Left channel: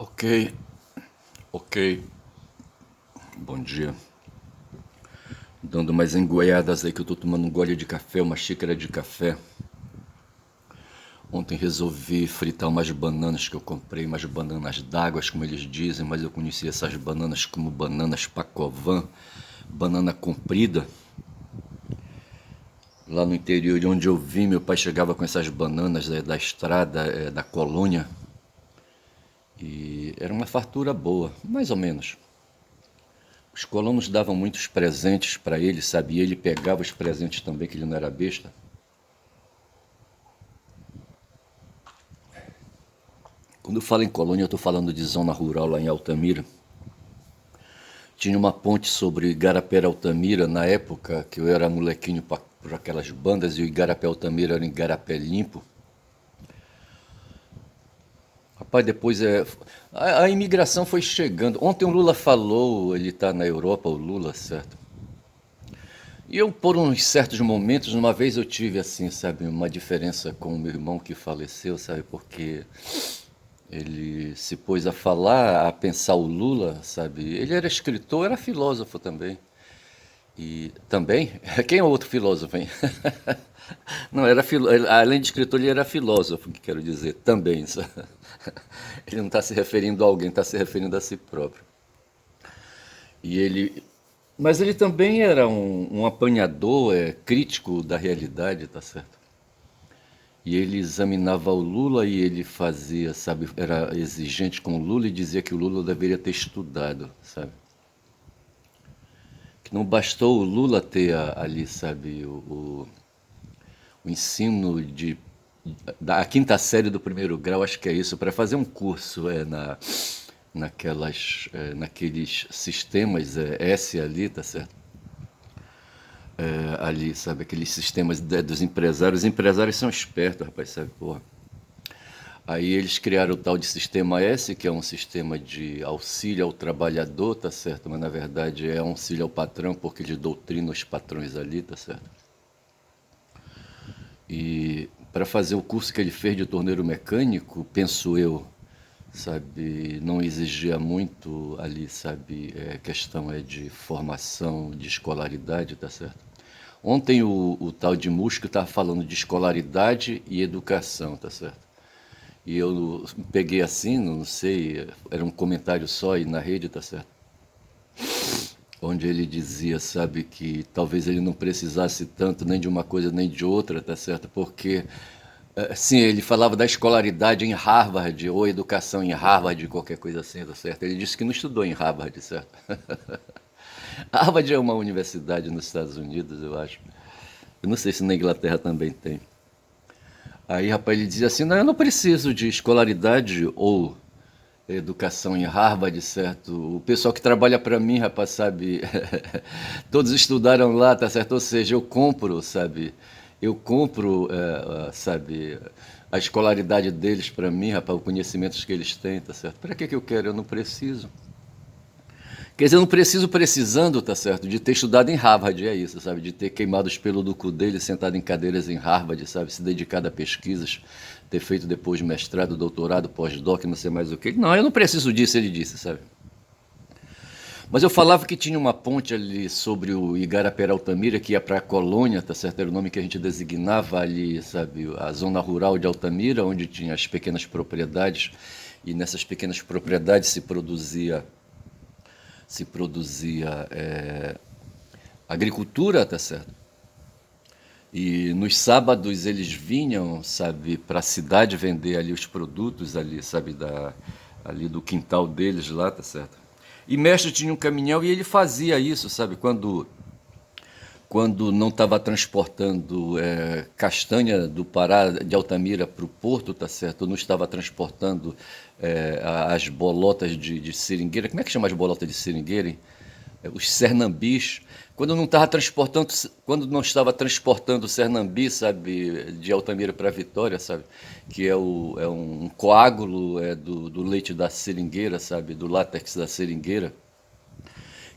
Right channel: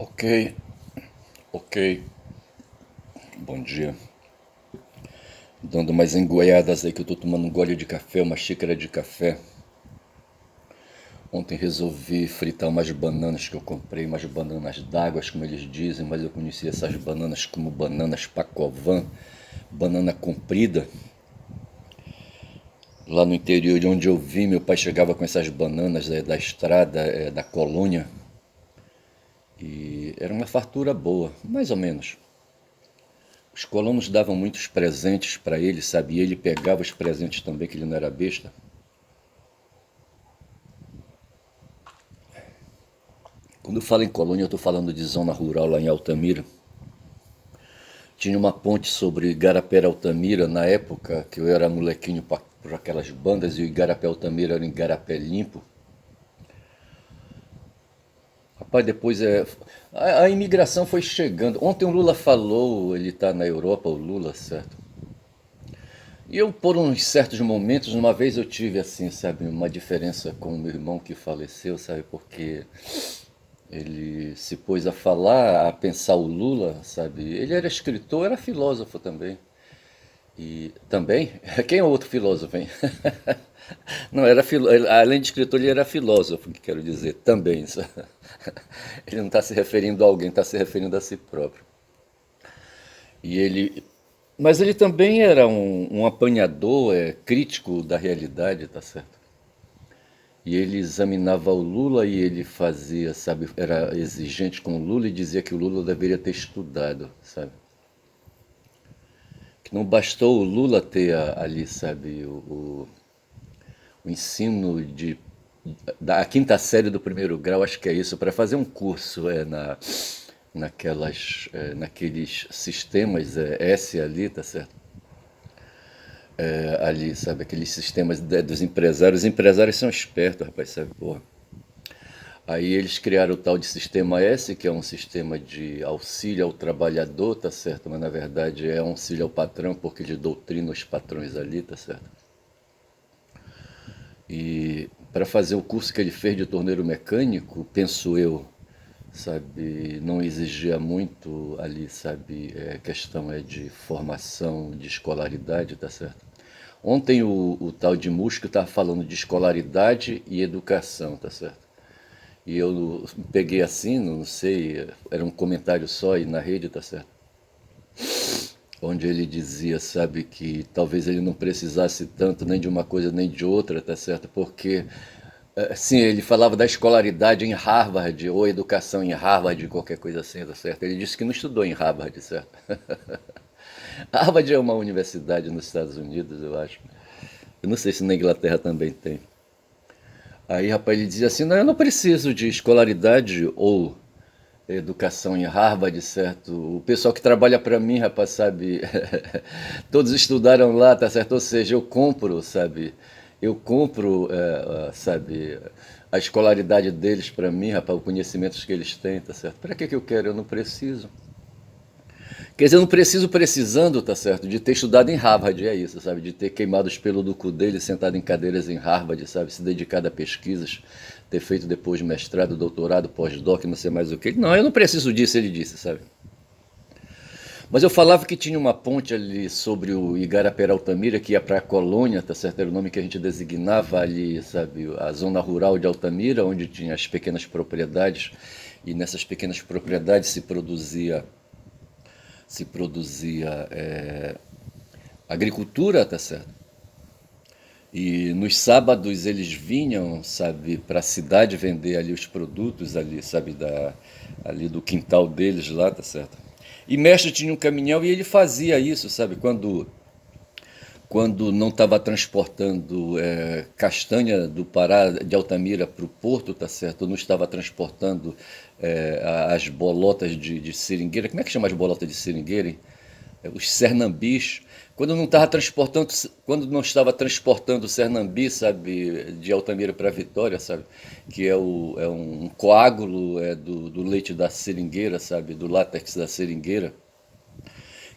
Ok, ok. Bom dia. Dando mais engoiadas aí que eu tô tomando um gole de café, uma xícara de café. Ontem resolvi fritar umas bananas que eu comprei, umas bananas d'água, como eles dizem, mas eu conheci essas bananas como bananas Pacovan, banana comprida. Lá no interior de onde eu vim, meu pai chegava com essas bananas da estrada, da colônia, e era uma fartura boa, mais ou menos. Os colonos davam muitos presentes para ele, sabe? E ele pegava os presentes também, que ele não era besta. Quando eu falo em colônia, eu estou falando de zona rural lá em Altamira. Tinha uma ponte sobre Igarapé Altamira, na época que eu era molequinho para aquelas bandas, e o Igarapé Altamira era um Igarapé limpo. Rapaz, depois a imigração foi chegando. Ontem o Lula falou, ele está na Europa, o Lula, certo? E eu, por uns certos momentos, uma vez eu tive, assim, sabe, uma diferença com o meu irmão que faleceu, sabe, porque ele se pôs a falar, a pensar o Lula, sabe? Ele era escritor, era filósofo também. E também, quem é o outro filósofo, hein? Não, além de escritor, ele era filósofo, que quero dizer, também. Ele não está se referindo a alguém, está se referindo a si próprio. E ele, mas ele também era um apanhador, crítico da realidade, tá certo? E ele examinava o Lula e ele fazia, sabe, era exigente com o Lula e dizia que o Lula deveria ter estudado, sabe? Que não bastou o Lula ter ali, sabe, o ensino da quinta série do primeiro grau, acho que é isso, para fazer um curso naqueles sistemas S ali, tá certo? Ali, sabe, aqueles sistemas dos empresários. Os empresários são espertos, rapaz, sabe, porra. Aí eles criaram o tal de sistema S, que é um sistema de auxílio ao trabalhador, tá certo? Mas na verdade é um auxílio ao patrão, porque ele doutrina os patrões ali, tá certo? E para fazer o curso que ele fez de torneiro mecânico, penso eu, sabe, não exigia muito ali, sabe, questão de formação, de escolaridade, tá certo? Ontem o tal de Musco estava falando de escolaridade e educação, tá certo? E eu peguei assim, não sei, era um comentário só aí na rede, tá certo? Onde ele dizia, sabe, que talvez ele não precisasse tanto nem de uma coisa nem de outra, tá certo? Porque, sim, ele falava da escolaridade em Harvard, ou educação em Harvard, qualquer coisa assim, tá certo? Ele disse que não estudou em Harvard, certo? Harvard é uma universidade nos Estados Unidos, eu acho. Eu não sei se na Inglaterra também tem. Aí, rapaz, ele dizia assim: não, eu não preciso de escolaridade ou educação em Harvard, certo? O pessoal que trabalha para mim, rapaz, sabe? Todos estudaram lá, tá certo? Ou seja, eu compro, sabe? Eu compro, sabe? A escolaridade deles para mim, rapaz, os conhecimentos que eles têm, tá certo? Para que que eu quero? Eu não preciso. Quer dizer, eu não preciso precisando, tá certo, de ter estudado em Harvard, é isso, sabe? De ter queimado os pelos do cu dele, sentado em cadeiras em Harvard, sabe? Se dedicado a pesquisas, ter feito depois mestrado, doutorado, pós-doc, não sei mais o que. Não, eu não preciso disso, ele disse, sabe? Mas eu falava que tinha uma ponte ali sobre o Igarapé Altamira, que ia para a colônia, tá certo? Era o nome que a gente designava ali, sabe? A zona rural de Altamira, onde tinha as pequenas propriedades, e nessas pequenas propriedades se produzia agricultura, tá certo? E nos sábados eles vinham, sabe, para a cidade vender ali os produtos ali, sabe, ali do quintal deles lá, tá certo? E mestre tinha um caminhão e ele fazia isso, sabe, quando não estava transportando castanha do Pará, de Altamira para o porto, tá certo? Não estava transportando as bolotas de seringueira. Como é que chama as bolotas de seringueira, hein? Os cernambis. Quando não estava transportando o cernambi, sabe, de Altamira para Vitória, sabe, que é um coágulo do leite da seringueira, sabe, do látex da seringueira,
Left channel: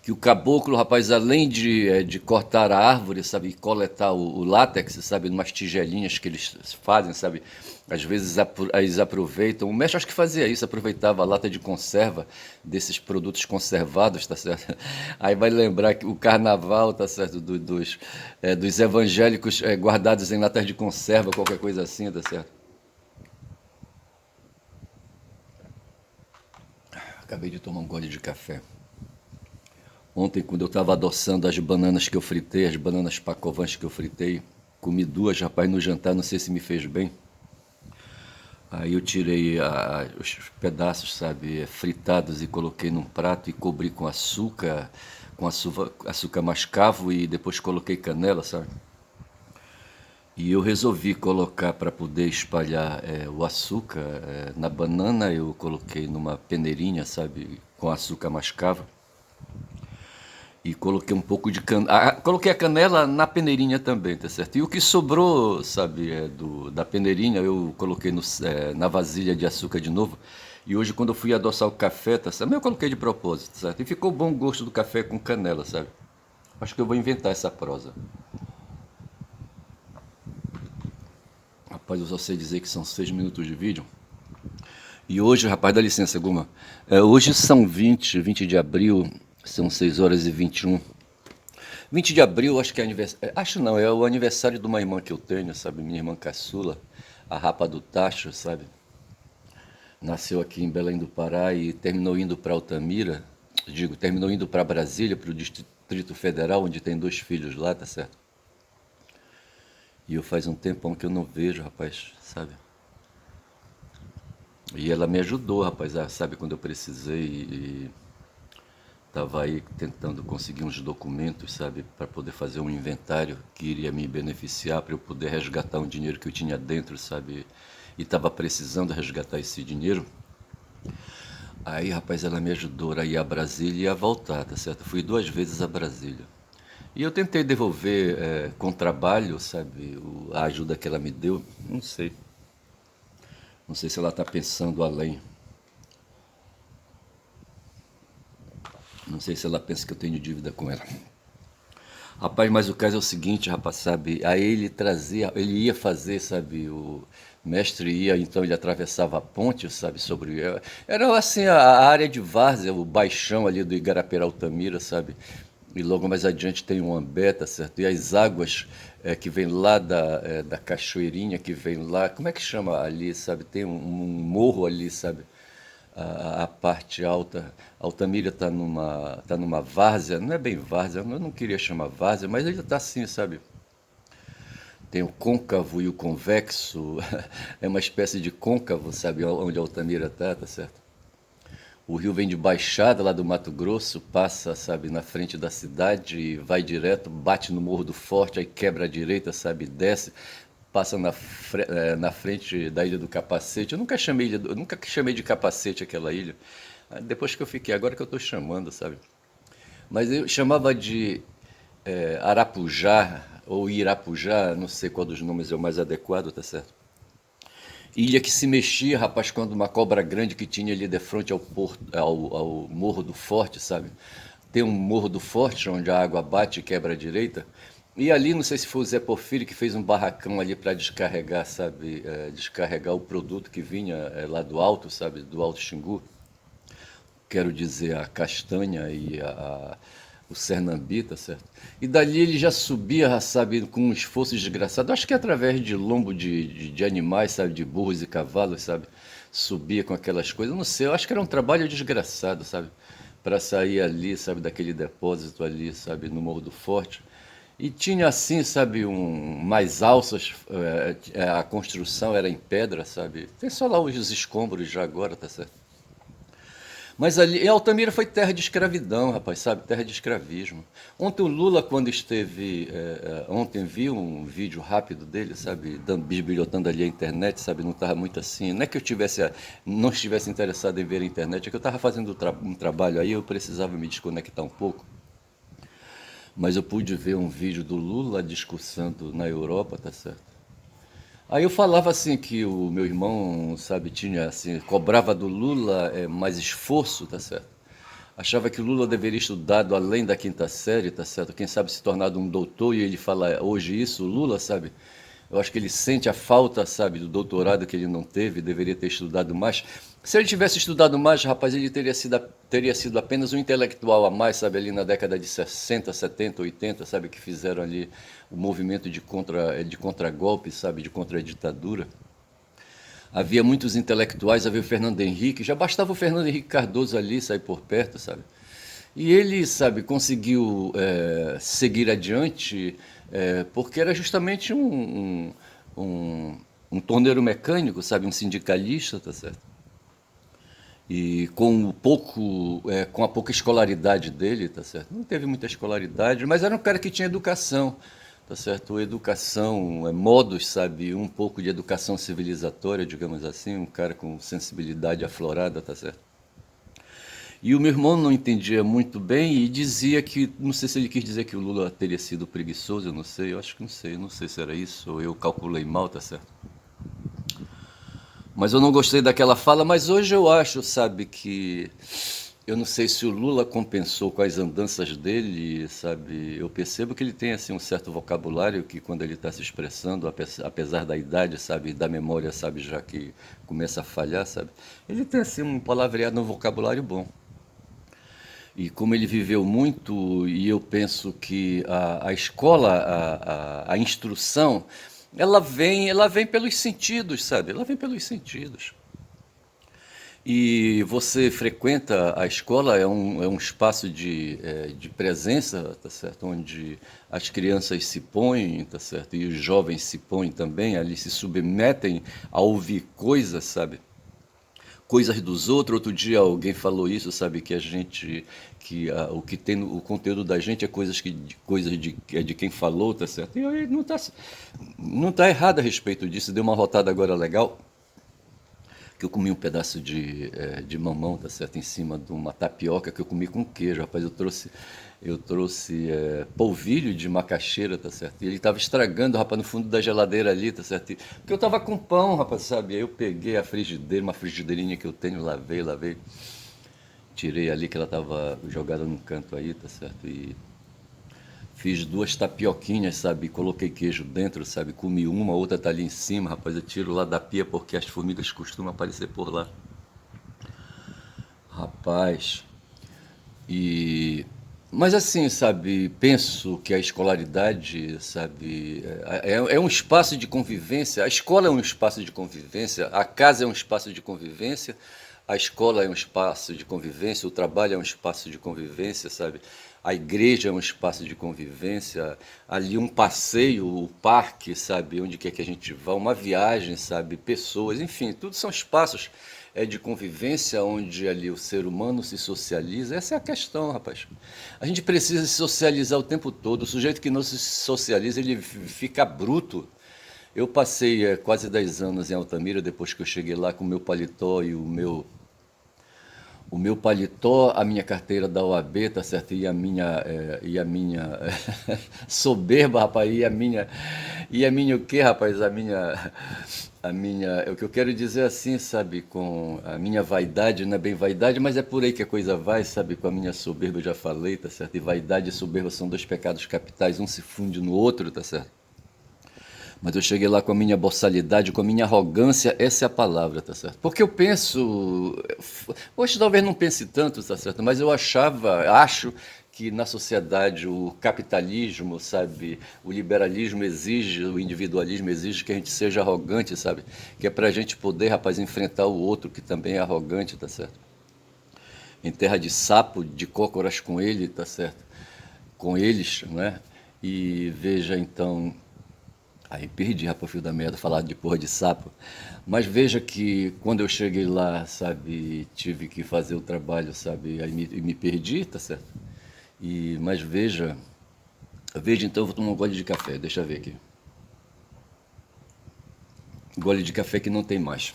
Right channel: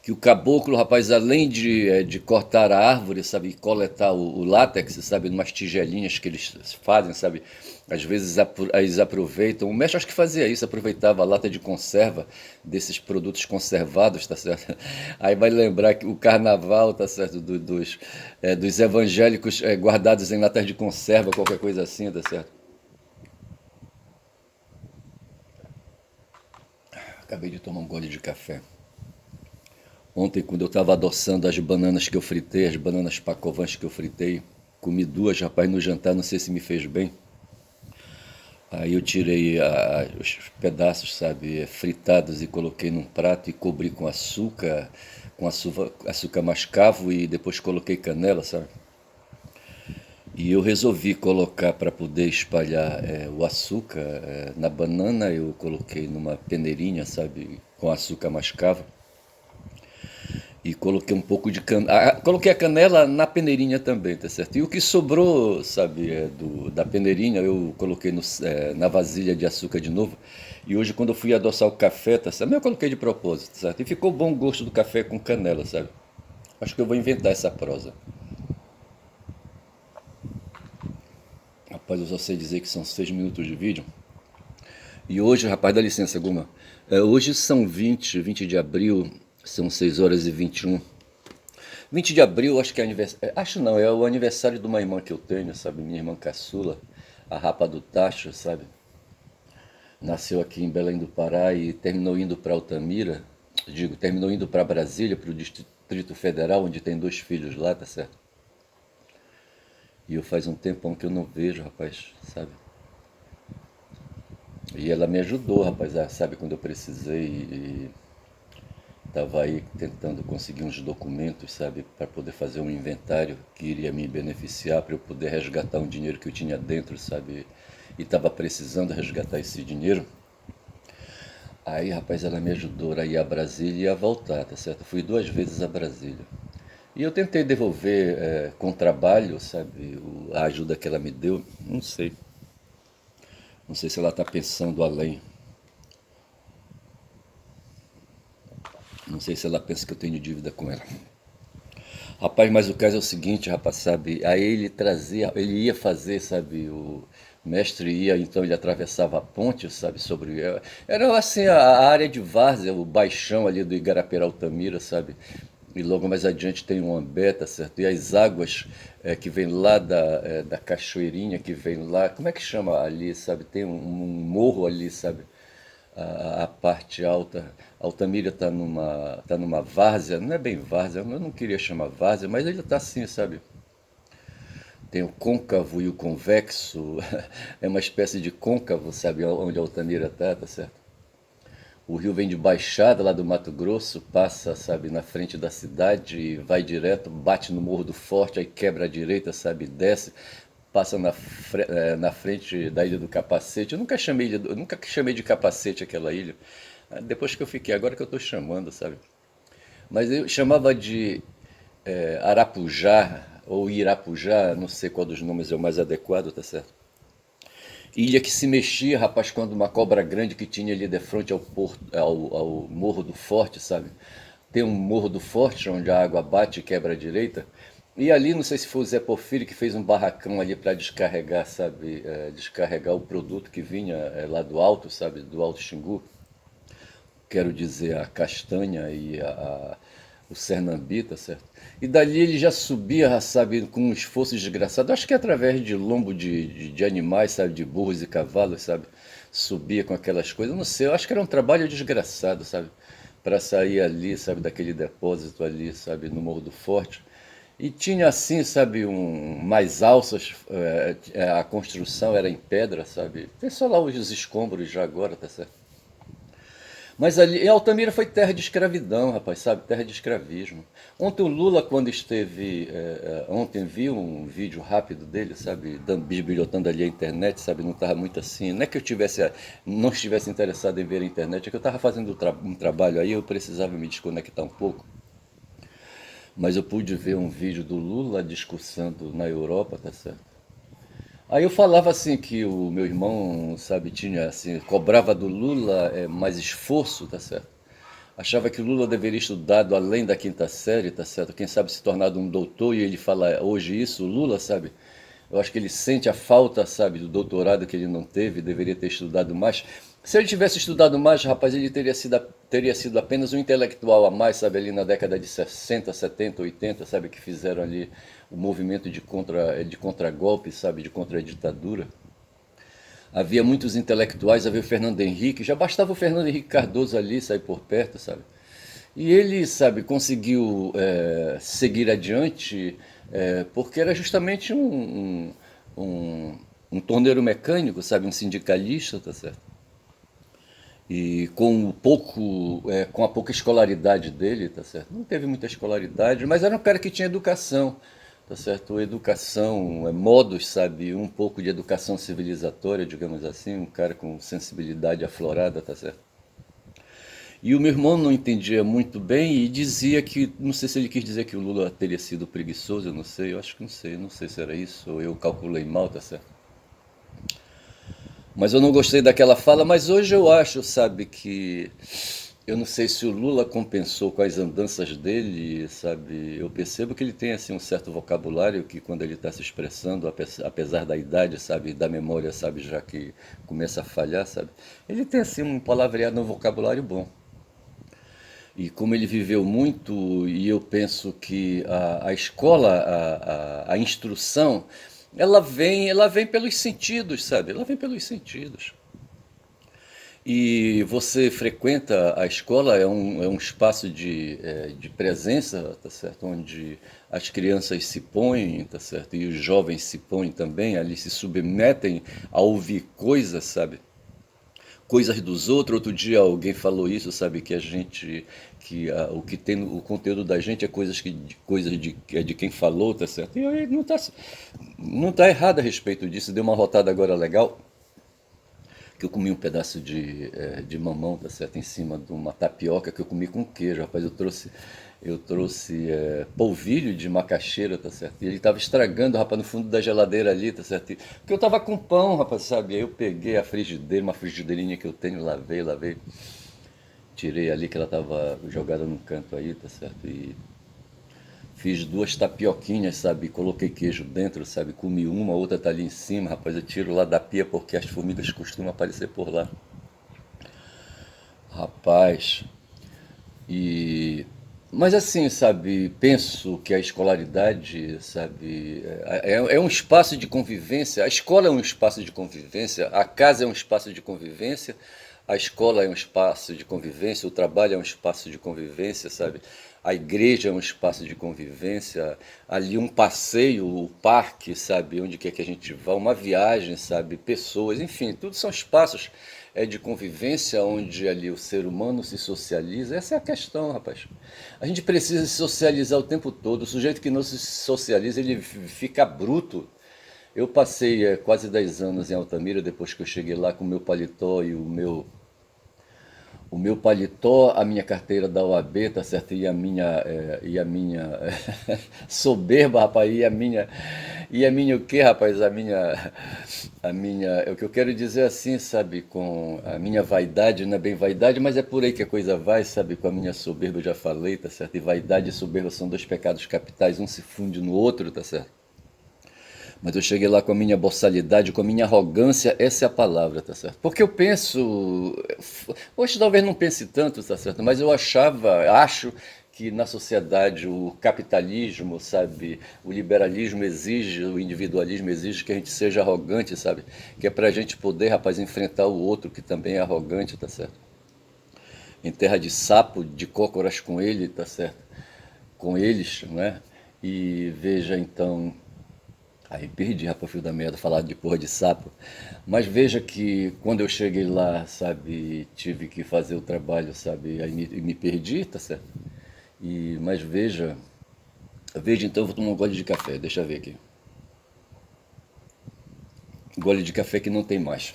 que o caboclo, rapaz, além de cortar a árvore, sabe, e coletar o látex, sabe, umas tigelinhas que eles fazem, sabe, às vezes eles aproveitam, o mestre acho que fazia isso, aproveitava a lata de conserva desses produtos conservados, tá certo? Aí vai lembrar que o carnaval, tá certo, dos evangélicos guardados em latas de conserva, qualquer coisa assim, tá certo? Acabei de tomar um gole de café. Ontem, quando eu estava adoçando as bananas que eu fritei, as bananas pacovãs que eu fritei, comi duas, rapaz, no jantar, não sei se me fez bem. Aí eu tirei os pedaços, sabe, fritados e coloquei num prato e cobri com açúcar mascavo e depois coloquei canela, sabe? E eu resolvi colocar para poder espalhar o açúcar na banana, eu coloquei numa peneirinha, sabe, com açúcar mascavo. E coloquei um pouco de canela. Coloquei a canela na peneirinha também, tá certo? E o que sobrou, sabe, da peneirinha, eu coloquei na vasilha de açúcar de novo. E hoje, quando eu fui adoçar o café, tá certo? Mas eu coloquei de propósito, tá certo? E ficou bom o gosto do café com canela, sabe? Acho que eu vou inventar essa prosa. Rapaz, eu só sei dizer que são 6 minutos de vídeo. E hoje, rapaz, dá licença, Guma. Hoje são 20 de abril, são 6 horas e 21. 20 de abril, acho que é aniversário. Acho não, é o aniversário de uma irmã que eu tenho, sabe? Minha irmã caçula, a Rapa do Tacho, sabe? Nasceu aqui em Belém do Pará e terminou indo para Altamira. Digo, terminou indo para Brasília, para o Distrito Federal, onde tem 2 filhos lá, tá certo? E eu faz um tempão que eu não vejo, rapaz, sabe? E ela me ajudou, rapaz, sabe, quando eu precisei e estava aí tentando conseguir uns documentos, sabe, para poder fazer um inventário que iria me beneficiar, para eu poder resgatar um dinheiro que eu tinha dentro, sabe, e estava precisando resgatar esse dinheiro. Aí, rapaz, ela me ajudou a ir a Brasília e a voltar, tá certo? Fui 2 vezes a Brasília. E eu tentei devolver com trabalho, sabe, a ajuda que ela me deu. Não sei. Não sei se ela está pensando além. Não sei se ela pensa que eu tenho dívida com ela. Rapaz, mas o caso é o seguinte, rapaz, sabe? Aí ele trazia, ele ia fazer, sabe? O mestre ia, então ele atravessava a ponte, sabe? Era assim a área de várzea, o baixão ali do Igarapé Altamira, sabe? E logo mais adiante tem um Ambé, tá certo? E as águas que vem lá da cachoeirinha, que vem lá, como é que chama ali, sabe? Tem um morro ali, sabe? A parte alta. Altamira tá numa várzea, não é bem várzea, eu não queria chamar várzea, mas ele está assim, sabe? Tem o côncavo e o convexo, é uma espécie de côncavo, sabe, onde Altamira tá certo? O rio vem de Baixada, lá do Mato Grosso, passa, sabe, na frente da cidade, vai direto, bate no Morro do Forte, aí quebra à direita, sabe, desce, passa na frente da Ilha do Capacete. Eu nunca chamei de Capacete aquela ilha. Depois que eu fiquei, agora que eu estou chamando, sabe? Mas eu chamava de Arapujá ou Irapujá, não sei qual dos nomes é o mais adequado, tá certo? Ilha que se mexia, rapaz, quando uma cobra grande que tinha ali de frente ao Morro do Forte, sabe? Tem um Morro do Forte onde a água bate e quebra à direita. E ali, não sei se foi o Zé Porfírio que fez um barracão ali para descarregar, sabe? Descarregar o produto que vinha lá do alto, sabe? Do Alto Xingu. Quero dizer, a castanha e o Cernambi, tá certo? E dali ele já subia, sabe, com um esforço desgraçado, acho que através de lombo de animais, sabe, de burros e cavalos, sabe? Subia com aquelas coisas, não sei, eu acho que era um trabalho desgraçado, sabe? Para sair ali, sabe, daquele depósito ali, sabe, no Morro do Forte. E tinha assim, sabe, mais alças, a construção era em pedra, sabe? Tem só lá os escombros já agora, tá certo? Mas ali, e Altamira foi terra de escravidão, rapaz, sabe? Terra de escravismo. Ontem o Lula, quando esteve. Ontem vi um vídeo rápido dele, sabe? Bisbilhotando ali a internet, sabe? Não estava muito assim. Não é que eu não estivesse interessado em ver a internet, é que eu estava fazendo um trabalho aí, eu precisava me desconectar um pouco. Mas eu pude ver um vídeo do Lula discursando na Europa, tá certo? Aí eu falava assim que o meu irmão, sabe, tinha assim, cobrava do Lula mais esforço, tá certo? Achava que o Lula deveria estudado além da quinta série, tá certo? Quem sabe se tornado um doutor, e ele fala hoje isso, o Lula, sabe? Eu acho que ele sente a falta, sabe, do doutorado que ele não teve, deveria ter estudado mais. Se ele tivesse estudado mais, rapaz, ele teria sido apenas um intelectual a mais, sabe, ali na década de 60, 70, 80, sabe, que fizeram ali o movimento de contragolpe, sabe, de contra-ditadura. Havia muitos intelectuais, havia o Fernando Henrique, já bastava o Fernando Henrique Cardoso ali sair por perto, sabe? E ele, sabe, conseguiu seguir adiante porque era justamente um torneiro mecânico, sabe, um sindicalista, tá certo? E com a pouca escolaridade dele, tá certo? Não teve muita escolaridade, mas era um cara que tinha educação, tá certo? Educação, modos, sabe? Um pouco de educação civilizatória, digamos assim, um cara com sensibilidade aflorada, tá certo? E o meu irmão não entendia muito bem e dizia que, não sei se ele quis dizer que o Lula teria sido preguiçoso, eu não sei, eu acho que não sei se era isso, ou eu calculei mal, tá certo? Mas eu não gostei daquela fala, mas hoje eu acho, sabe, que eu não sei se o Lula compensou com as andanças dele, sabe? Eu percebo que ele tem assim um certo vocabulário que quando ele está se expressando, apesar da idade, sabe, da memória, sabe, já que começa a falhar, sabe? Ele tem assim um palavreado, um vocabulário bom. E como ele viveu muito, e eu penso que a escola, a instrução, ela vem pelos sentidos, sabe? Ela vem pelos sentidos. E você frequenta a escola, é um espaço de presença, tá certo? Onde as crianças se põem, tá certo? E os jovens se põem também, ali se submetem a ouvir coisas, sabe? Coisas dos outros. Outro dia alguém falou isso, sabe? Que a gente, o que tem o conteúdo da gente é coisas de quem falou, tá certo? E aí não tá errado a respeito disso. Deu uma rotada agora legal que eu comi um pedaço de mamão, tá certo, em cima de uma tapioca que eu comi com queijo, rapaz, eu trouxe polvilho de macaxeira, tá certo, e ele tava estragando, rapaz, no fundo da geladeira ali, tá certo, porque eu tava com pão, rapaz, sabe, aí eu peguei a frigideira, uma frigideirinha que eu tenho, lavei, tirei ali que ela tava jogada num canto aí, tá certo, e fiz duas tapioquinhas, sabe? Coloquei queijo dentro, sabe? Comi uma, outra tá ali em cima, rapaz. Eu tiro lá da pia porque as formigas costumam aparecer por lá. Rapaz, e. Mas assim, sabe, penso que a escolaridade, sabe, é um espaço de convivência. A escola é um espaço de convivência, a casa é um espaço de convivência, a escola é um espaço de convivência, o trabalho é um espaço de convivência, sabe? A igreja é um espaço de convivência, ali um passeio, o parque, sabe, onde quer que a gente vá, uma viagem, sabe, pessoas, enfim, tudo são espaços de convivência onde ali o ser humano se socializa. Essa é a questão, rapaz. A gente precisa se socializar o tempo todo. O sujeito que não se socializa, ele fica bruto. Eu passei quase 10 anos em Altamira, depois que eu cheguei lá com o meu paletó e o meu paletó, a minha carteira da OAB, tá certo? E a minha soberba, rapaz, e a minha o quê, rapaz? O que eu quero dizer assim, sabe, com a minha vaidade, não é bem vaidade, mas é por aí que a coisa vai, sabe, com a minha soberba eu já falei, tá certo? E vaidade e soberba são dois pecados capitais, um se funde no outro, tá certo? Mas eu cheguei lá com a minha boçalidade, com a minha arrogância, essa é a palavra, tá certo? Porque eu penso, hoje talvez não pense tanto, tá certo? Mas eu acho que na sociedade o capitalismo, sabe, o liberalismo exige, o individualismo exige que a gente seja arrogante, sabe? Que é pra gente poder, rapaz, enfrentar o outro que também é arrogante, tá certo? Em terra de sapo, de cócoras com ele, tá certo? Com eles, não é? E veja então. Aí perdi, rapaz, o fio da merda, falar de porra de sapo. Mas veja que quando eu cheguei lá, sabe, tive que fazer o trabalho, sabe, aí me perdi, tá certo? Mas veja então, eu vou tomar um gole de café, deixa eu ver aqui. Gole de café que não tem mais.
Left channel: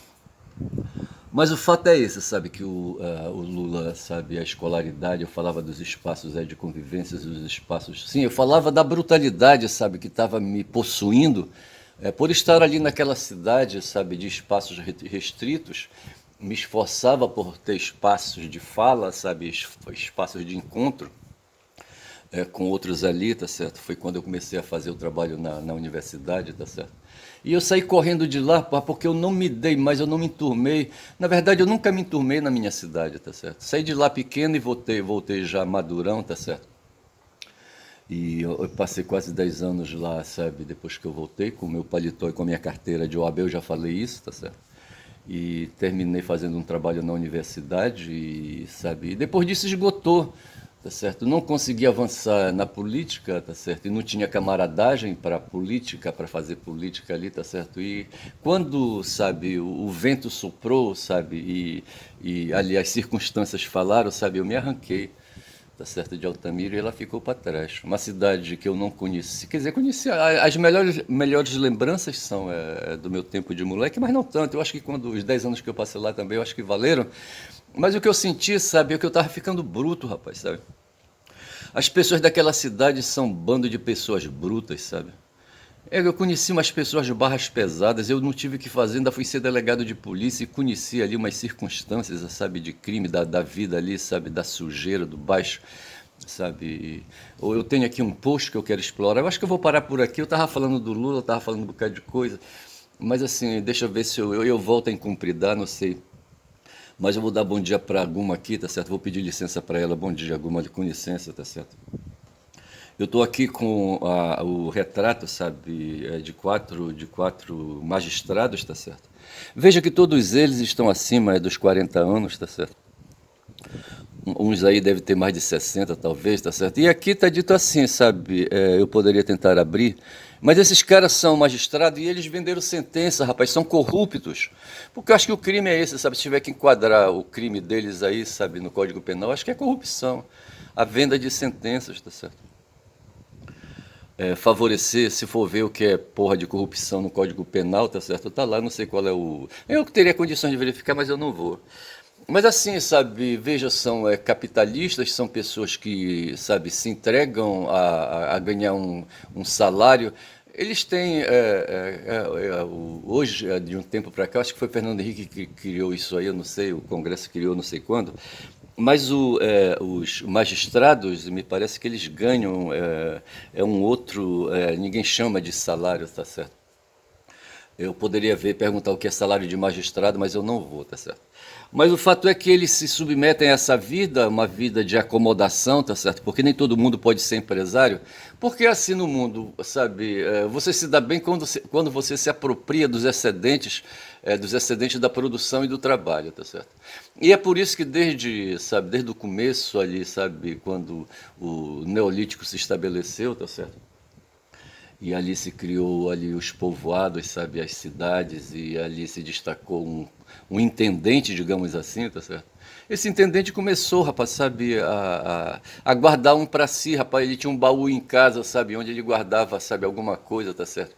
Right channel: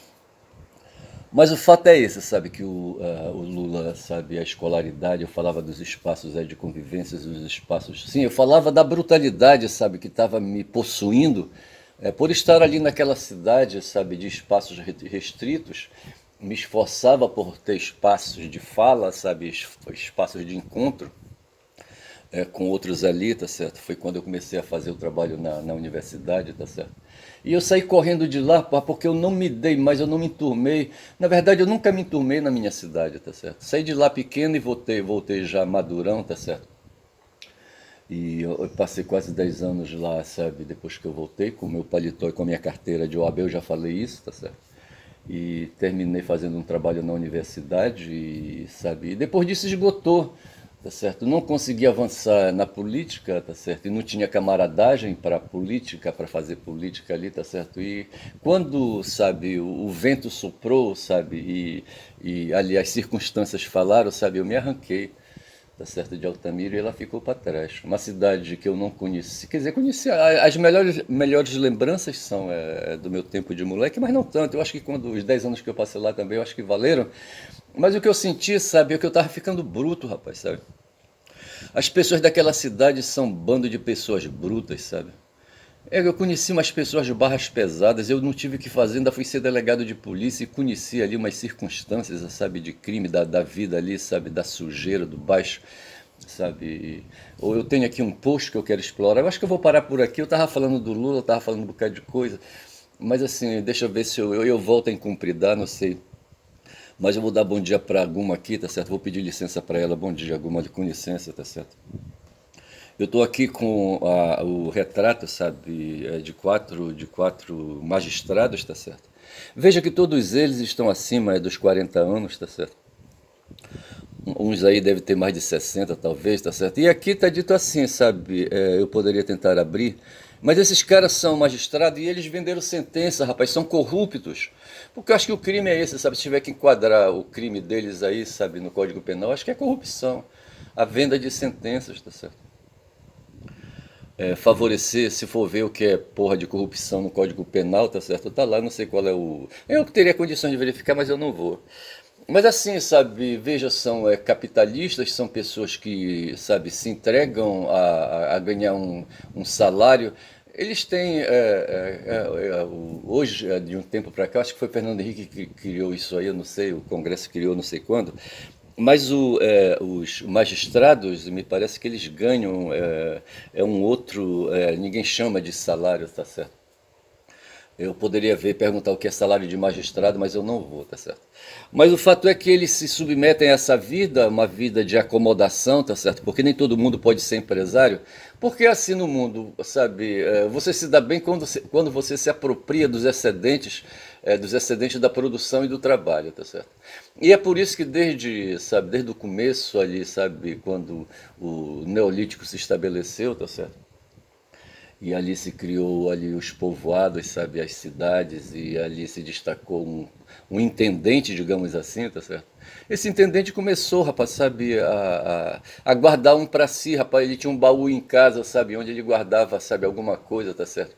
Mas o fato é esse, sabe, que o Lula, sabe, a escolaridade, eu falava dos espaços de convivência, dos espaços. Sim, eu falava da brutalidade, sabe, que estava me possuindo, por estar ali naquela cidade, sabe, de espaços restritos, me esforçava por ter espaços de fala, sabe, espaços de encontro com outros ali, tá certo? Foi quando eu comecei a fazer o trabalho na universidade, tá certo? E eu saí correndo de lá, pá, porque eu não me dei mais, eu não me enturmei. Na verdade, eu nunca me enturmei na minha cidade, tá certo? Saí de lá pequeno e voltei já madurão, tá certo? E eu passei quase 10 anos lá, sabe? Depois que eu voltei com o meu paletó e com a minha carteira de OAB, eu já falei isso, tá certo? E terminei fazendo um trabalho na universidade, e, sabe? E depois disso esgotou, tá certo? Não consegui avançar na política, tá certo? E não tinha camaradagem para política, para fazer política ali, tá certo? E quando, sabe, o vento soprou, sabe? E ali as circunstâncias falaram, sabe? Eu me arranquei, tá certo, de Altamira, e ela ficou para trás. Uma cidade que eu não conheci, quer dizer, conheci, as melhores lembranças são do meu tempo de moleque, mas não tanto. Eu acho que quando os 10 anos que eu passei lá também, eu acho que valeram. Mas o que eu senti, sabe, é que eu tava ficando bruto, rapaz, sabe? As pessoas daquela cidade são um bando de pessoas brutas, sabe? Eu conheci umas pessoas de barras pesadas, eu não tive o que fazer, ainda fui ser delegado de polícia e conheci ali umas circunstâncias, sabe, de crime, da vida ali, sabe, da sujeira, do baixo, sabe? Ou eu tenho aqui um post que eu quero explorar, eu acho que eu vou parar por aqui, eu tava falando do Lula, eu tava falando um bocado de coisa, mas assim, deixa eu ver se eu volto a incumpridar, não sei. Mas eu vou dar bom dia pra Guma aqui, tá certo? Vou pedir licença pra ela, bom dia, Guma, com licença, tá certo? Eu estou aqui com o retrato, sabe, de quatro magistrados, tá certo? Veja que todos eles estão acima dos 40 anos, tá certo? Uns aí devem ter mais de 60, talvez, tá certo? E aqui tá dito assim, sabe, eu poderia tentar abrir, mas esses caras são magistrados e eles venderam sentença, rapaz, são corruptos. Porque eu acho que o crime é esse, sabe? Se tiver que enquadrar o crime deles aí, sabe, no Código Penal, acho que é corrupção. A venda de sentenças, tá certo? Favorecer, se for ver o que é porra de corrupção no Código Penal, tá certo? Tá lá, não sei qual é o. Eu teria condições de verificar, mas eu não vou. Mas assim, sabe, veja, são capitalistas, são pessoas que, sabe, se entregam a ganhar um salário. Eles têm, hoje, de um tempo para cá, acho que foi Fernando Henrique que criou isso aí, eu não sei, o Congresso criou não sei quando, mas os magistrados, me parece que eles ganham um outro, ninguém chama de salário, tá certo? Eu poderia ver, perguntar o que é salário de magistrado, mas eu não vou, tá certo? Mas o fato é que eles se submetem a essa vida, uma vida de acomodação, tá certo? Porque nem todo mundo pode ser empresário. Porque é assim no mundo, sabe? Você se dá bem quando você se apropria dos excedentes da produção e do trabalho, tá certo? E é por isso que desde, sabe, desde o começo ali, sabe, quando o Neolítico se estabeleceu, tá certo? E ali se criou ali os povoados, sabe, as cidades, e ali se destacou um intendente, digamos assim, tá certo? Esse intendente começou, rapaz, sabe, a guardar um para si, rapaz, ele tinha um baú em casa, sabe, onde ele guardava, sabe, alguma coisa, tá certo?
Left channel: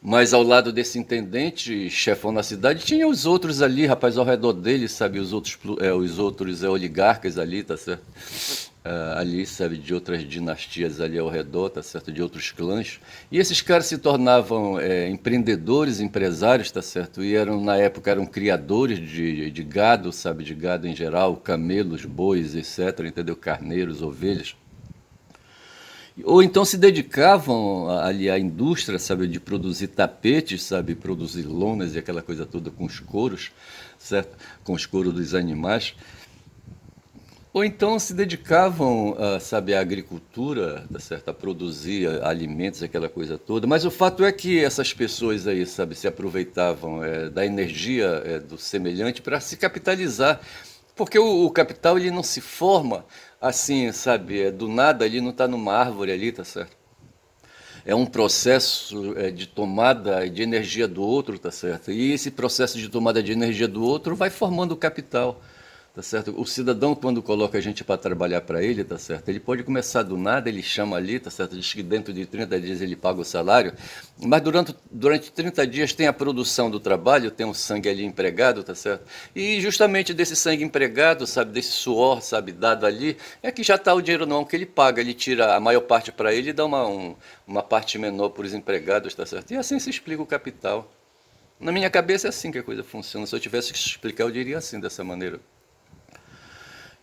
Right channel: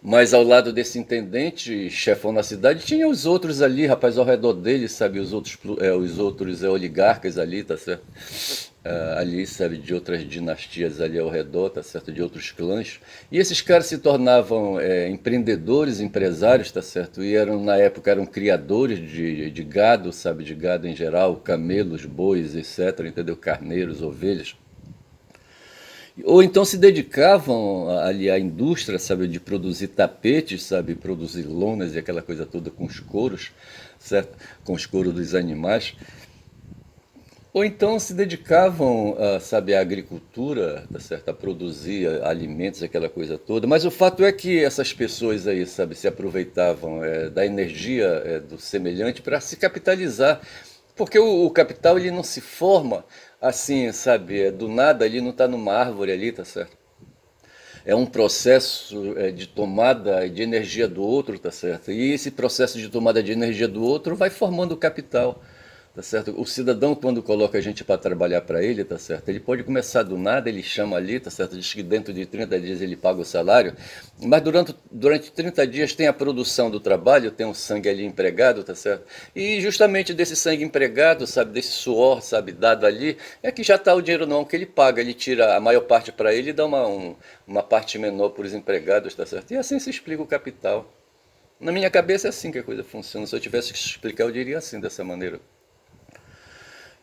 Mas ao lado desse intendente, chefão da cidade, tinha os outros ali, rapaz, ao redor dele, sabe, os outros oligarcas ali, tá certo? Ali, sabe, de outras dinastias ali ao redor, tá certo? De outros clãs. E esses caras se tornavam empreendedores, empresários, tá certo? E na época, eram criadores de gado, sabe, de gado em geral, camelos, bois, etc., entendeu? Carneiros, ovelhas. Ou então se dedicavam ali à indústria, sabe, de produzir tapetes, sabe, produzir lonas e aquela coisa toda com os couros, certo? Com os couros dos animais. Ou então se dedicavam, sabe, à agricultura, tá certo? A produzir alimentos, aquela coisa toda. Mas o fato é que essas pessoas aí, sabe, se aproveitavam da energia do semelhante para se capitalizar. Porque o capital ele não se forma assim, sabe, do nada, ele não está numa árvore ali, tá certo? É um processo de tomada de energia do outro, tá certo? E esse processo de tomada de energia do outro vai formando o capital, tá certo? O cidadão, quando coloca a gente para trabalhar para ele, tá certo? Ele pode começar do nada, ele chama ali, tá certo? Diz que dentro de 30 dias ele paga o salário, mas durante 30 dias tem a produção do trabalho, tem o sangue ali empregado, tá certo? E justamente desse sangue empregado, sabe, desse suor, sabe, dado ali, é que já está o dinheiro não que ele paga, ele tira a maior parte para ele e dá uma parte menor para os empregados, tá certo? E assim se explica o capital. Na minha cabeça é assim que a coisa funciona. Se eu tivesse que explicar, eu diria assim, dessa maneira.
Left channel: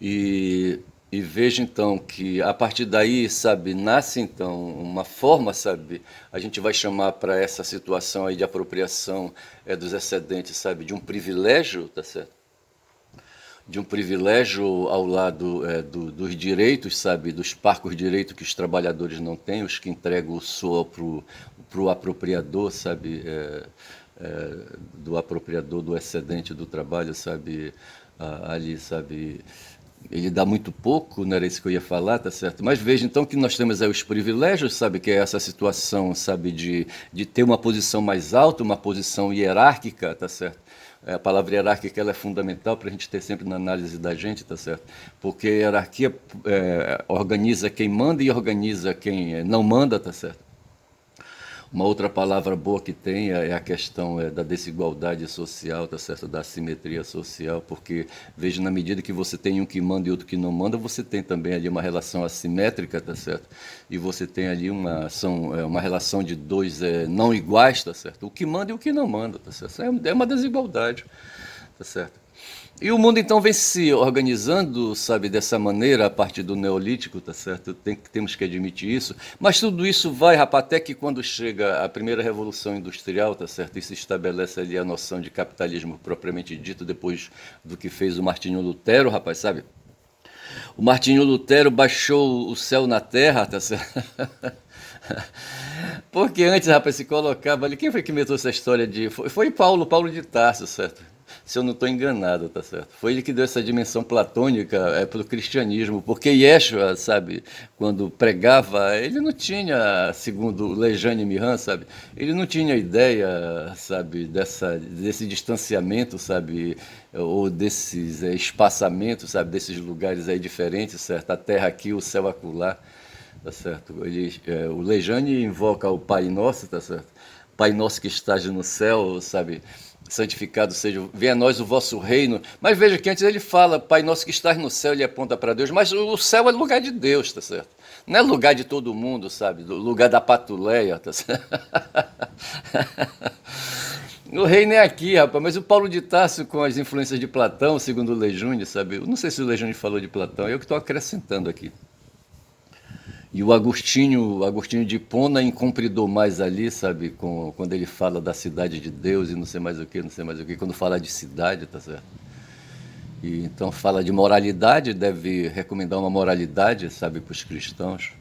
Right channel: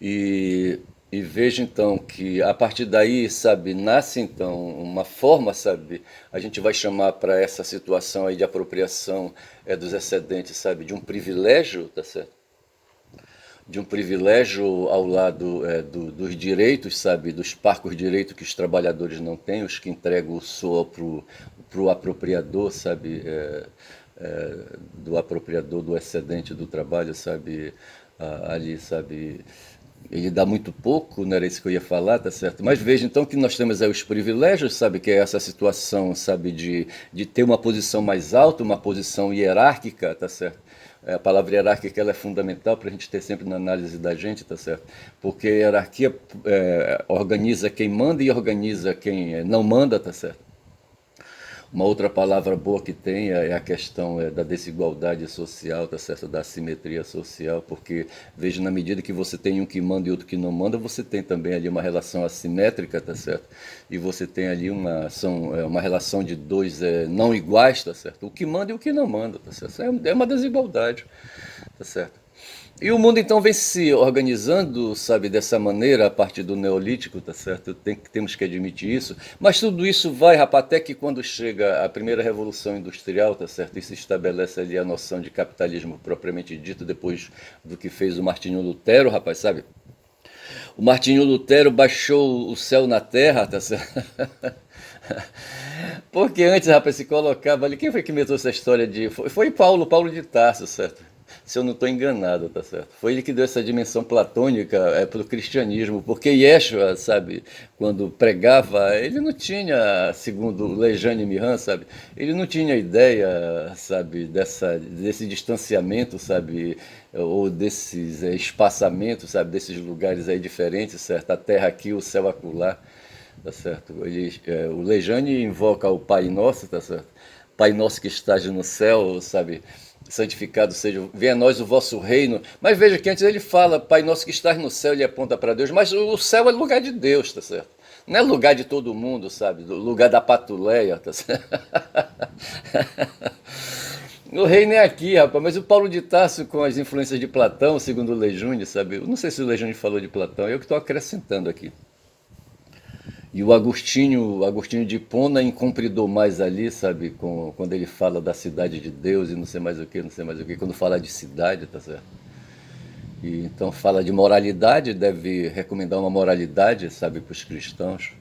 E, e vejo então que a partir daí, sabe, nasce então uma forma, sabe, a gente vai chamar para essa situação aí de apropriação dos excedentes, sabe, de um privilégio, tá certo? De um privilégio ao lado dos direitos, sabe, dos parcos direitos que os trabalhadores não têm, os que entregam o SOA para o apropriador, sabe, do apropriador do excedente do trabalho, sabe, ali, sabe, ele dá muito pouco, não era isso que eu ia falar, tá certo? Mas veja então que nós temos aí os privilégios, sabe, que é essa situação, sabe, de ter uma posição mais alta, uma posição hierárquica, tá certo? A palavra hierárquica ela é fundamental para a gente ter sempre na análise da gente, tá certo? Porque a hierarquia organiza quem manda e organiza quem não manda, tá certo? Uma outra palavra boa que tem é a questão da desigualdade social, tá certo? Da assimetria social, porque veja, na medida que você tem um que manda e outro que não manda, você tem também ali uma relação assimétrica, tá certo? E você tem ali uma relação de dois não iguais, tá certo? O que manda e o que não manda, tá certo? É uma desigualdade, tá certo? E o mundo então vem se organizando, sabe, dessa maneira a partir do Neolítico, tá certo? Temos que admitir isso. Mas tudo isso vai, rapaz, até que quando chega a primeira Revolução Industrial, tá certo? E se estabelece ali a noção de capitalismo propriamente dito, depois do que fez o Martinho Lutero, rapaz, sabe? O Martinho Lutero baixou o céu na terra, tá certo? Porque antes, rapaz, se colocava ali. Quem foi que inventou essa história de. Foi Paulo de Tarso, certo? Se eu não estou enganado, tá certo? Foi ele que deu essa dimensão platônica para o cristianismo, porque Yeshua, sabe, quando pregava, ele não tinha, segundo Lejane Mihan, sabe, ele não tinha ideia, sabe, desse distanciamento, sabe, ou desses espaçamentos, sabe, desses lugares aí diferentes, certo? A terra aqui, o céu acolá. Tá certo? O Lejane invoca o Pai Nosso, tá certo? Pai Nosso que estás no céu, sabe? Santificado seja, venha a nós o vosso reino. Mas veja que antes ele fala, Pai Nosso que estás no céu, ele aponta para Deus, mas o céu é lugar de Deus, tá certo? Não é lugar de todo mundo, sabe? Lugar da patuleia, tá certo? O reino é aqui, rapaz, mas o Paulo de Tarso, com as influências de Platão, segundo o Lejune, sabe? Eu não sei se o Lejune falou de Platão, eu que estou acrescentando aqui. E o Agostinho de Hipona incumpridou mais ali, sabe, quando ele fala da cidade de Deus e não sei mais o que, não sei mais o que, quando fala de cidade, tá certo? E então fala de moralidade, deve recomendar uma moralidade, sabe, para os cristãos.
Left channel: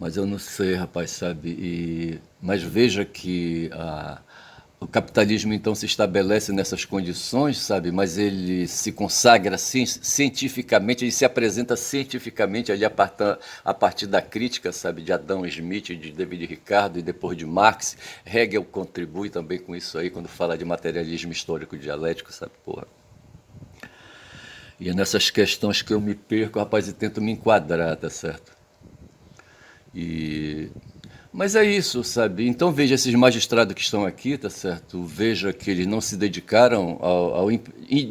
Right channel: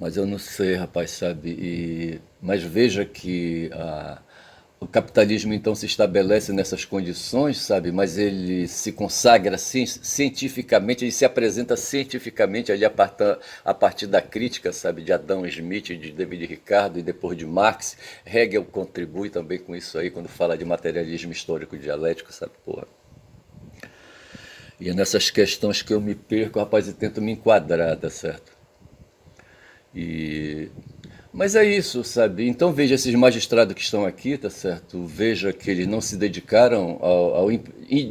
Mas eu não sei, rapaz, sabe? Mas veja que o capitalismo então se estabelece nessas condições, sabe? Mas ele se consagra cientificamente, ele se apresenta cientificamente ali a partir da crítica, sabe? De Adam Smith, de David Ricardo e depois de Marx. Hegel contribui também com isso aí quando fala de materialismo histórico dialético, sabe? Porra. E é nessas questões que eu me perco, rapaz, e tento me enquadrar, tá certo? E mas é isso, sabe? Então veja esses magistrados que estão aqui, tá certo? Veja que eles não se dedicaram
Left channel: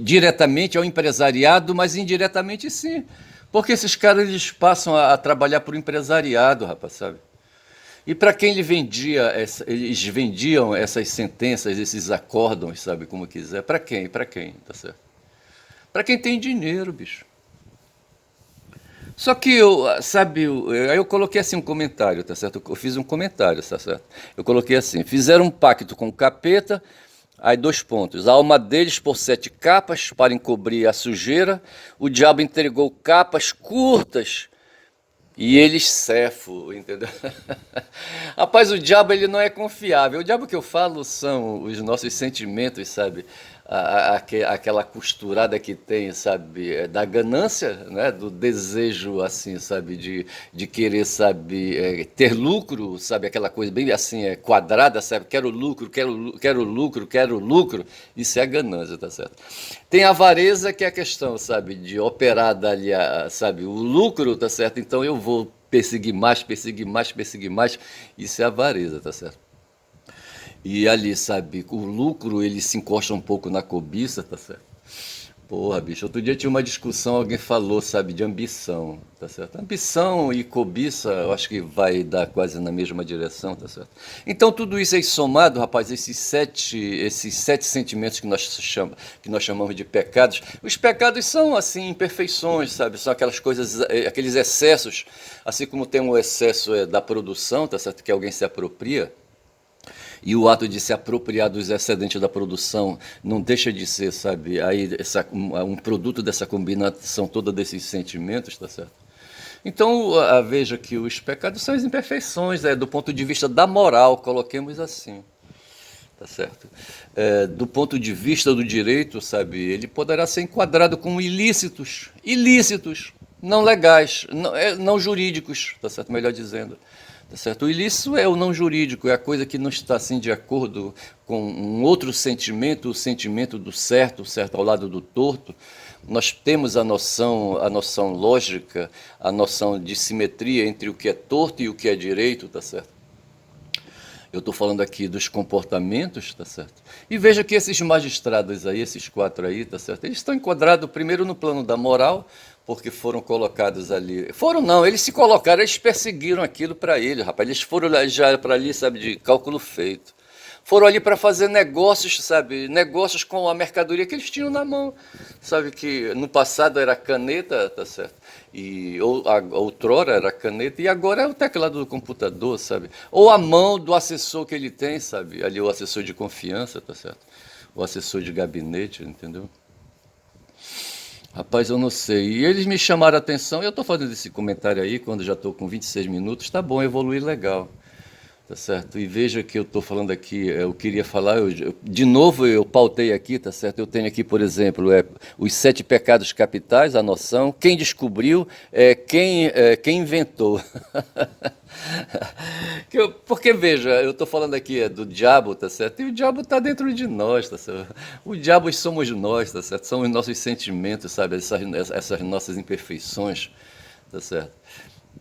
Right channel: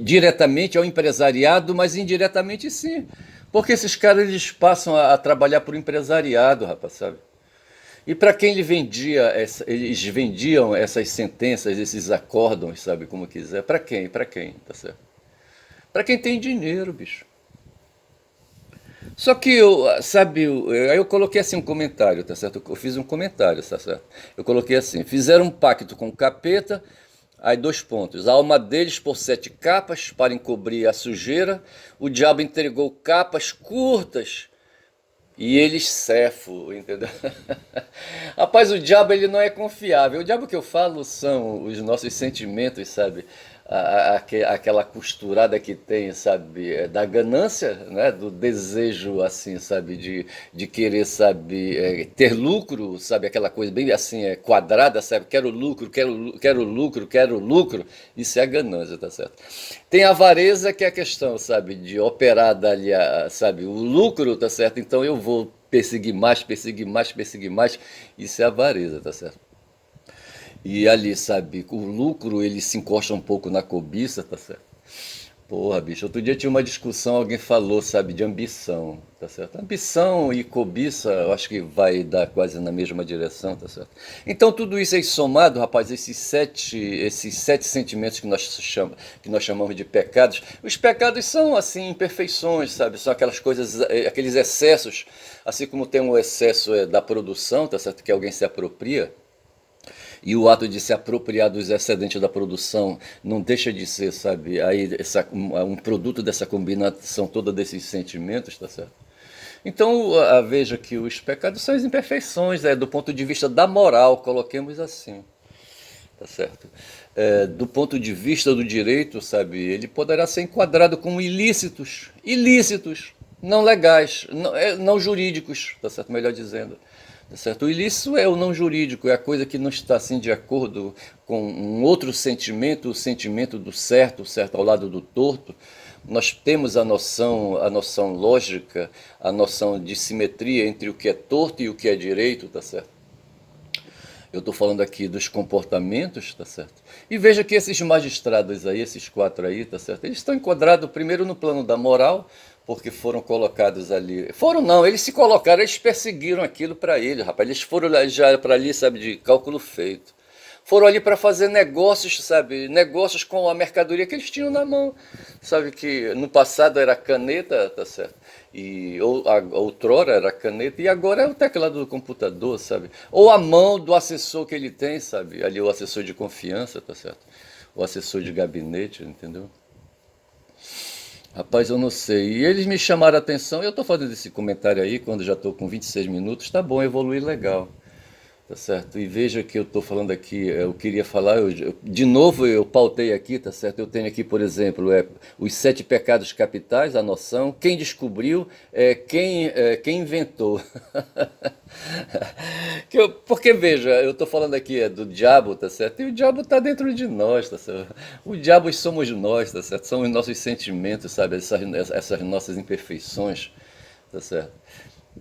diretamente ao empresariado, mas indiretamente sim. Porque esses caras eles passam a trabalhar para o empresariado, rapaz, sabe? E para quem eles vendiam essas sentenças, esses acórdãos, sabe, como quiser. Para quem? Para quem, tá certo? Para quem tem dinheiro, bicho. Só que sabe, aí eu coloquei assim um comentário, tá certo? Eu fiz um comentário, tá certo? Eu coloquei assim: fizeram um pacto com o capeta, aí dois pontos. A alma deles por 7 capas para encobrir a sujeira, o diabo entregou capas curtas e eles cefo, entendeu? Rapaz, o diabo ele não é confiável. O diabo que eu falo são os nossos sentimentos, sabe? Aquela costurada que tem, sabe, da ganância, né? Do desejo, assim, sabe, de querer, sabe, ter lucro, sabe, aquela coisa bem assim, quadrada, sabe, quero lucro, quero lucro, quero lucro, isso é a ganância, tá certo? Tem a avareza que é a questão, sabe, de operar dali, sabe, o lucro, tá certo? Então eu vou perseguir mais, perseguir mais, perseguir mais, isso é avareza, tá certo? E ali, sabe, o lucro ele se encosta um pouco na cobiça, tá certo? Porra, bicho, outro dia tinha uma discussão, alguém falou, sabe, de ambição, tá certo? Ambição e cobiça, eu acho que vai dar quase na mesma direção, tá certo? Então tudo isso aí somado, rapaz, esses sete sentimentos que nós chamamos de pecados, os pecados são, assim, imperfeições, sabe? São aquelas coisas, aqueles excessos, assim como tem um excesso da produção, tá certo? Que alguém se apropria, e o ato de se apropriar dos excedentes da produção não deixa de ser, sabe, aí um produto dessa combinação toda desses sentimentos, tá certo? Então, veja que os pecados são as imperfeições, do ponto de vista da moral, coloquemos assim, tá certo? Do ponto de vista do direito, sabe, ele poderá ser enquadrado como ilícitos, ilícitos, não legais, não jurídicos, tá certo? Melhor dizendo. Tá certo? O ilícito é o não jurídico, é a coisa que não está assim de acordo com um outro sentimento, o sentimento do certo, certo ao lado do torto. Nós temos a noção lógica, a noção de simetria entre o que é torto e o que é direito, tá certo? Eu estou falando aqui dos comportamentos, tá certo? E veja que esses magistrados aí, esses quatro aí, tá certo? Eles estão enquadrados primeiro no plano da moral, porque foram colocados ali. Foram não, eles se colocaram, eles perseguiram aquilo para ele, rapaz. Eles foram já para ali, sabe, de cálculo feito. Foram ali para fazer negócios, sabe? Negócios com a mercadoria que eles tinham na mão. Sabe que no passado era caneta, tá certo? E outrora era caneta e agora é o teclado do computador, sabe? Ou a mão do assessor que ele tem, sabe? Ali o assessor de confiança, tá certo? O assessor de gabinete, entendeu? Rapaz, eu não sei. E eles me chamaram a atenção. Eu estou fazendo esse comentário aí, quando já estou com 26 minutos. Tá bom, evoluir legal. Tá certo? E veja que eu estou falando aqui, eu queria falar, de novo eu pautei aqui, tá certo? Eu tenho aqui, por exemplo, os sete pecados capitais, a noção, quem descobriu, quem inventou. Porque, veja, eu estou falando aqui do diabo, tá certo? E o diabo está dentro de nós, tá certo? O diabo somos nós, tá certo? São os nossos sentimentos, sabe? Essas nossas imperfeições, tá certo?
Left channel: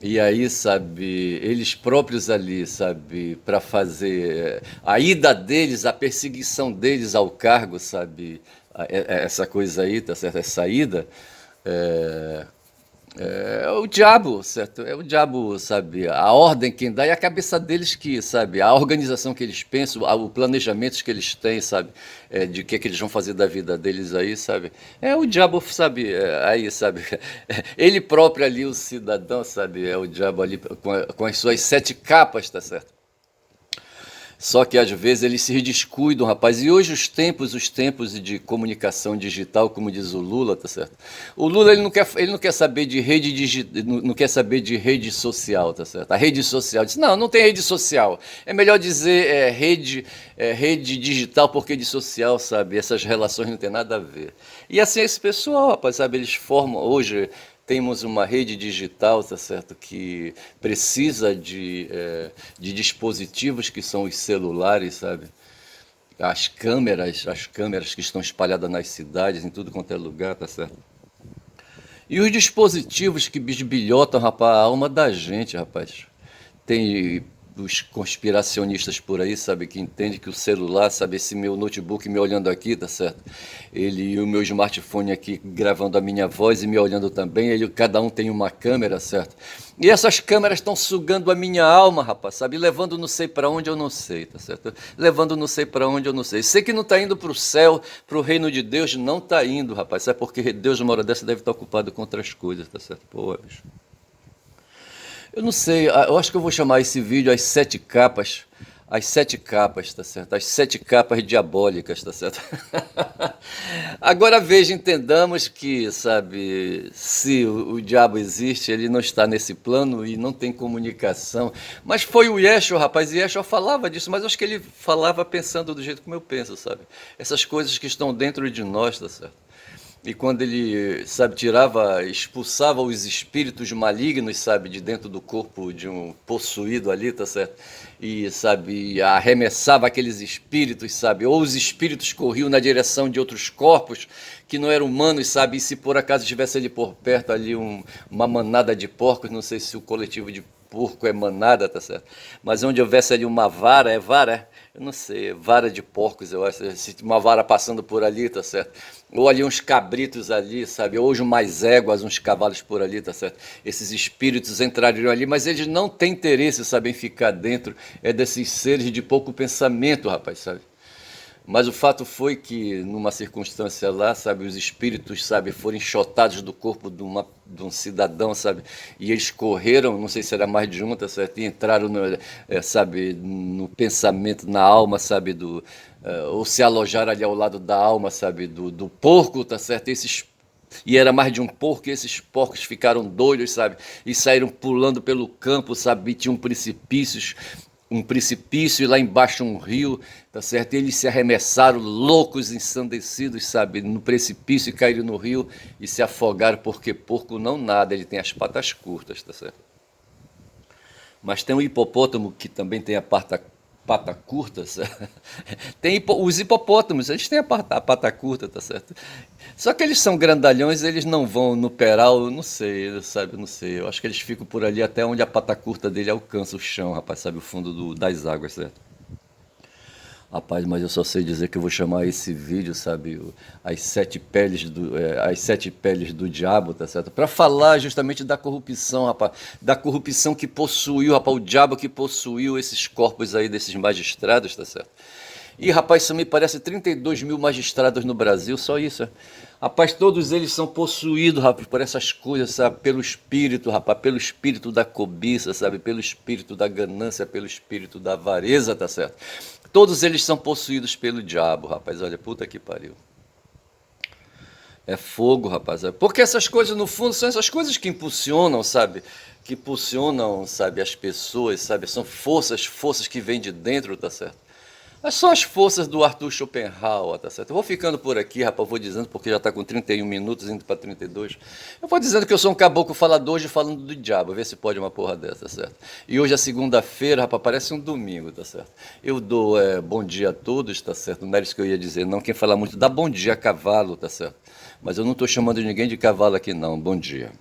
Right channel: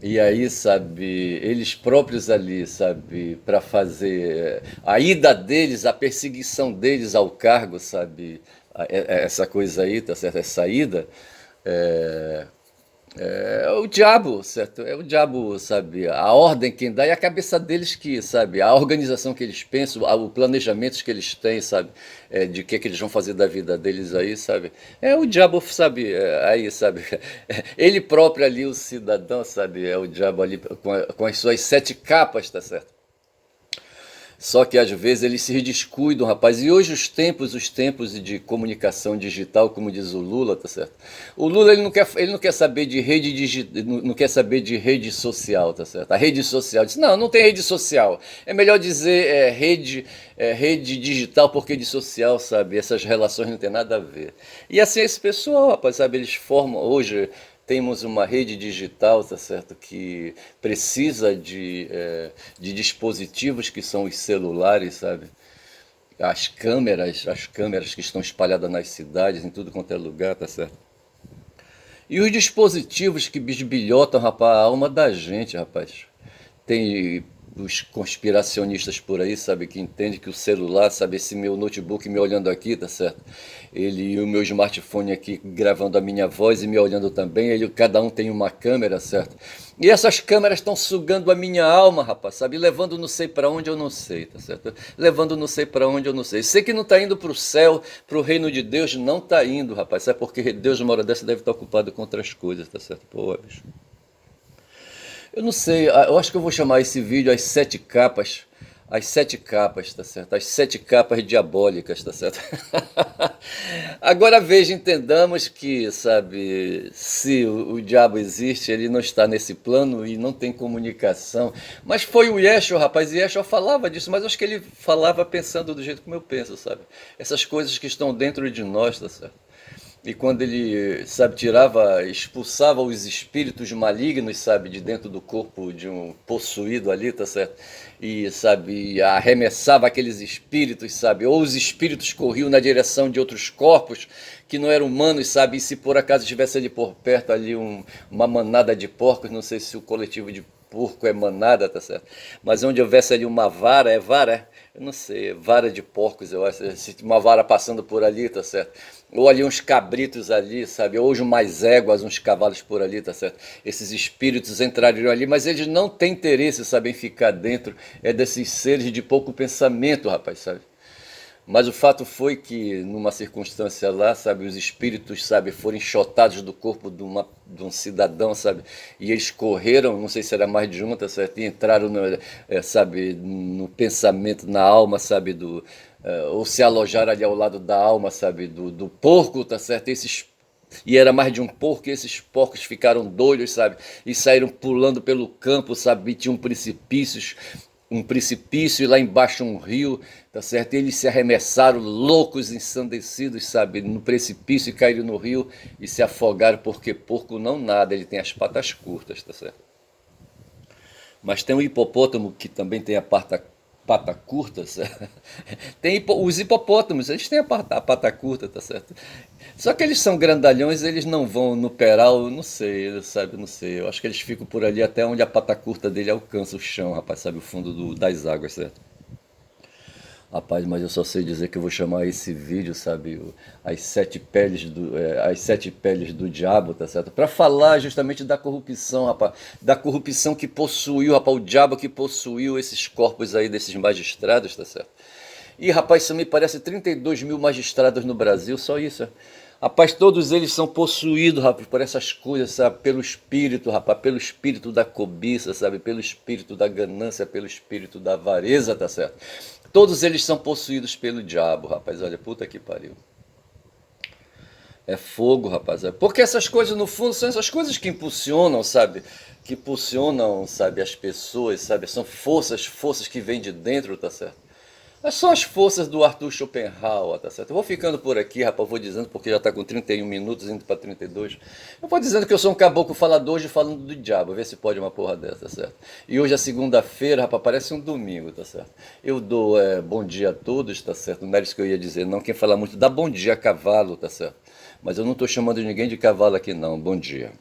E aí, sabe, eles próprios ali, sabe, para fazer a ida deles, a perseguição deles ao cargo, sabe, essa coisa aí, tá certo? Essa ida, é, é o diabo, certo? É o diabo, sabe? A ordem quem dá é a cabeça deles que, sabe? A organização que eles pensam, o planejamento que eles têm, sabe? De que eles vão fazer da vida deles aí, sabe? É o diabo, sabe? Aí, sabe? Ele próprio ali, o cidadão, sabe? É o diabo ali com as suas sete capas, tá certo? Só que às vezes eles se descuidam, rapaz. E hoje os tempos de comunicação digital, como diz o Lula, tá certo? O Lula ele não quer saber de rede digital, não quer saber de rede social, tá certo? A rede social diz, não tem rede social. É melhor dizer rede digital porque rede social, sabe? Essas relações não tem nada a ver. E assim esse pessoal, rapaz, sabe? Eles formam hoje temos uma rede digital, tá certo, que precisa de dispositivos que são os celulares, sabe? As câmeras que estão espalhadas nas cidades, em tudo quanto é lugar, tá certo? E os dispositivos que bisbilhotam, rapaz, a alma da gente, rapaz. Tem os conspiracionistas por aí, sabe, que entende que o celular, sabe, esse meu notebook me olhando aqui, tá certo? Ele e o meu smartphone aqui gravando a minha voz e me olhando também, cada um tem uma câmera, certo? E essas câmeras estão sugando a minha alma, rapaz, sabe? Levando não sei para onde eu não sei, tá certo? Levando não sei para onde eu não sei. Sei que não está indo para o céu, para o reino de Deus, não está indo, rapaz. Sabe porque Deus, uma hora dessa, deve estar ocupado com outras coisas, tá certo? Pô, bicho. Eu não sei, eu acho que eu vou chamar esse vídeo as sete capas, tá certo? As sete capas diabólicas, tá certo? Agora veja, entendamos que, sabe, se o diabo existe, ele não está nesse plano e não tem comunicação. Mas foi o Yeshua, rapaz, e Yeshua falava disso, mas eu acho que ele falava pensando do jeito como eu penso, sabe? Essas coisas que estão dentro de nós, tá certo? E quando ele, sabe, expulsava os espíritos malignos, sabe, de dentro do corpo de um possuído ali, tá certo? E, sabe, arremessava aqueles espíritos, sabe? Ou os espíritos corriam na direção de outros corpos que não eram humanos, sabe? E se por acaso tivesse ali por perto ali uma manada de porcos, não sei se o coletivo de porco é manada, tá certo? Mas onde houvesse ali uma vara, é vara? Eu não sei, é vara de porcos, eu acho. Se uma vara passando por ali, tá certo? Ou ali uns cabritos ali, sabe? Ou umas éguas, uns cavalos por ali, tá certo? Esses espíritos entrariam ali, mas eles não têm interesse, sabe, em ficar dentro desses seres de pouco pensamento, rapaz, sabe? Mas o fato foi que, numa circunstância lá, sabe, os espíritos, sabe, foram enxotados do corpo de um cidadão, sabe, e eles correram, não sei se era mais de um, tá certo, e entraram, sabe, no pensamento, na alma, sabe, ou se alojaram ali ao lado da alma, sabe, do porco, tá certo, e era mais de um porco, e esses porcos ficaram doidos, sabe? E saíram pulando pelo campo, sabe? E tinha um precipício e lá embaixo um rio, tá certo? E eles se arremessaram loucos, ensandecidos, sabe? No precipício e caíram no rio e se afogaram, porque porco não nada, ele tem as patas curtas, tá certo? Mas tem o hipopótamo que também tem pata curta, certo? Os hipopótamos, eles têm a pata curta, tá certo? Só que eles são grandalhões, eles não vão no peral, não sei, sabe, não sei. Eu acho que eles ficam por ali até onde a pata curta dele alcança o chão, rapaz, sabe, o fundo das águas, certo? Rapaz, mas eu só sei dizer que eu vou chamar esse vídeo, sabe, as sete peles do diabo, tá certo? Para falar justamente da corrupção, rapaz, da corrupção que possuiu, rapaz, o diabo que possuiu esses corpos aí desses magistrados, tá certo? E, rapaz, isso me parece 32 mil magistrados no Brasil, só isso. Rapaz, todos eles são possuídos, rapaz, por essas coisas, sabe? Pelo espírito, rapaz, pelo espírito da cobiça, sabe? Pelo espírito da ganância, pelo espírito da avareza, tá certo? Todos eles são possuídos pelo diabo, rapaz. Olha, puta que pariu. É fogo, rapaz. Porque essas coisas, no fundo, são essas coisas que impulsionam, sabe? Que impulsionam, sabe, as pessoas, sabe? São forças que vêm de dentro, tá certo? São as forças do Arthur Schopenhauer, tá certo? Eu vou ficando por aqui, rapaz, eu vou dizendo, porque já está com 31 minutos, indo para 32. Eu vou dizendo que eu sou um caboclo falador hoje falando do diabo, vê se pode uma porra dessa, tá certo? E hoje é segunda-feira, rapaz, parece um domingo, tá certo? Eu dou bom dia a todos, tá certo? Não era isso que eu ia dizer, não. Quem fala muito dá bom dia a cavalo, tá certo? Mas eu não estou chamando ninguém de cavalo aqui, não. Bom dia.